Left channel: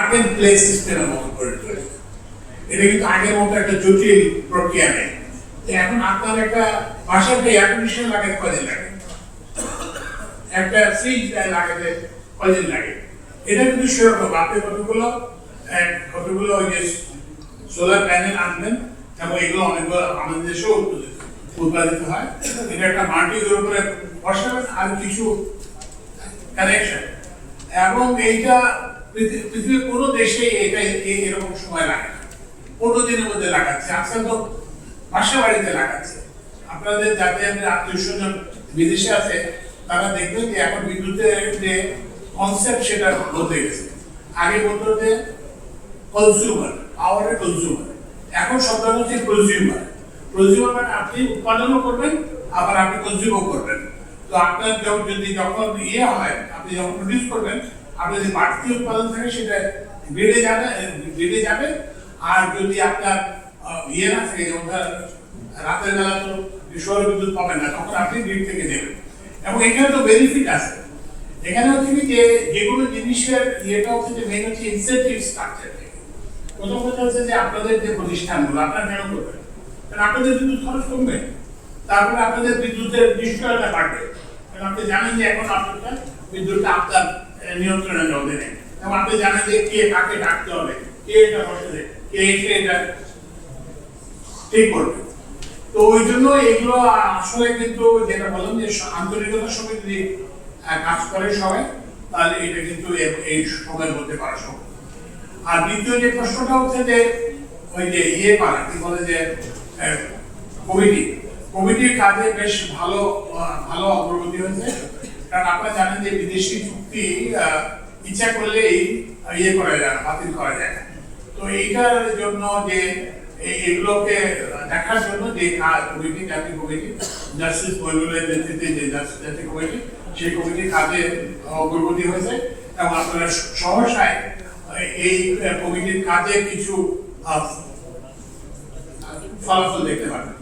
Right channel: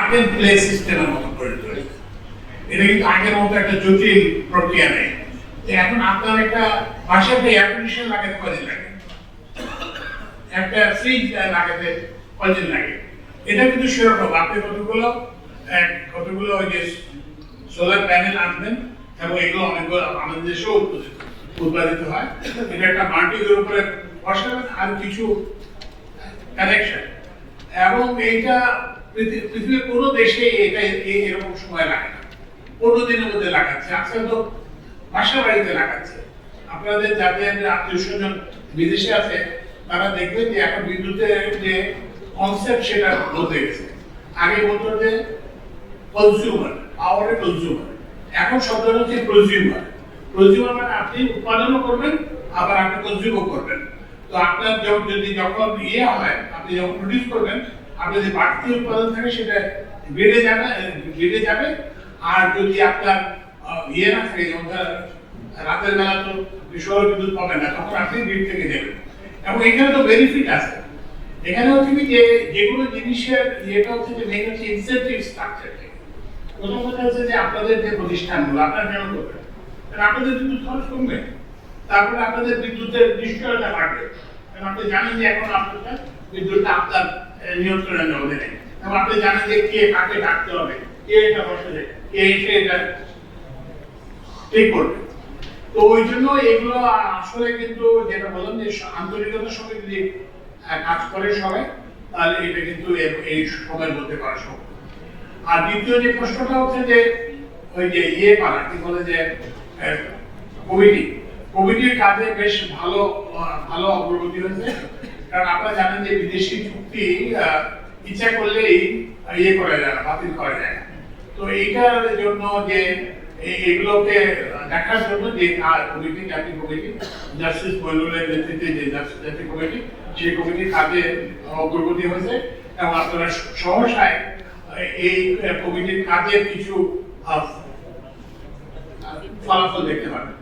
আগের প্লে সিস্টেমের মতো করে তৈরি। এটা কিন্তু আগের মতো একটা জটিল প্রক্রিয়া নেই। এখন আপনার একটা বাসাতে এয়ার কন্ডিশন লাগাতে কদিন লাগে, একটা ফ্রিজ লাগাতে কদিন লাগে। এটা কিন্তু সেরকম আপনি কতগুলো ওই যে সোলার প্যানেল আনবেন এবং এগুলো অনেকগুলো আমাদের দেশেও উৎপাদিত হয়। এটা একটা মাটির উপরে বসাবেন আর কিছু কানেকশন, এবং এইটা পৃথিবীর কোনো দেশে এটা এরকম সময় লাগে 15 দিনের মধ্যে লাগাচ্ছে। আজকাল তো বাসা বাড়িতে লাগাচ্ছে। আপনাদের যাদের আত্মীয় স্বজন বিদেশে আছে তারা দেখবেন যে এখন বিদ্যুতের যে কনসেপ্ট সেটা বদলে গেছে। আগে বলতো যে কনজিউমার, পাওয়ারের কনজিউমার, এখন শব্দটা হচ্ছে প্রজিউমার। প্রজিউমার মানে আপনি উৎপাদনও করবেন আবার আপনি কনজিউমও করবেন। তো আপনার যদি যখন হয়, আপনি যখন প্রডিউস করবেন, আপনার যে বাড়তি উৎপাদন থাকে সেটা বেড়ে যাবে। আর যদি আপনার না থাকে, রাতের বেলা তো সৌর বিদ্যুৎ পাবেন না, তখন আপনি গ্রিড থেকে দেবেন। এবং এখানে তো বেনিফিট আছে। এখানে হচ্ছে কি যে কোনো জিনিসের ইয়েটা হচ্ছে যে মেইন হচ্ছে ইনসেন্টিভ স্ট্রাকচার। প্রথম কথা হচ্ছে যে আপনাদের যে প্রতিষ্ঠানগুলো আপনারা কেন করবেন, কারণ আপনাদের বিদ্যুৎ খরচ কমবে, তারপরে আপনাদের বিদ্যুতের নিশ্চয়তা বাড়বে। কারণ আপনি জানেন যে এখন আপনার বিদ্যুৎটা আপনার নিয়ন্ত্রণের মধ্যে নেই, এবং আপনি জানেন যে কে কাকে ডাকতে হবে, কে এটা বসে, কে এসে এটা ঠিক করবে। তো ওই জন্য এগুলো আসলে কিন্তু যেটা বললাম যে আন্তরিকতার সঙ্গে যদি কাজ করে সবাই, তাহলে এটা কিন্তু এই সময়ের মধ্যে করা সম্ভব। আর দ্বিতীয় যে প্রশ্নটা হচ্ছে যে ওই যে করা কি বলে যে কমিটির কাজে বেশ ভালো অগ্রগতি হয়েছে। কারণ আপনারা জানেন যে বিদেশি চুক্তি ইচ্ছা করলেই করা যায়, বাতিল করা যায়। তো এইটার জন্য যে এগুলোকে দেখার জন্য যে কমিটি, জাতীয় কমিটি, জাস্টিস বৈলুলের নেতৃত্বে যে জাতীয় কমিটি, সেই কমিটির কাজে অগ্রগতি হয়েছে। এবং আপনারা সহসায় এই কমিটির কাজে কিছু ফলাফল দেখতে পাবেন।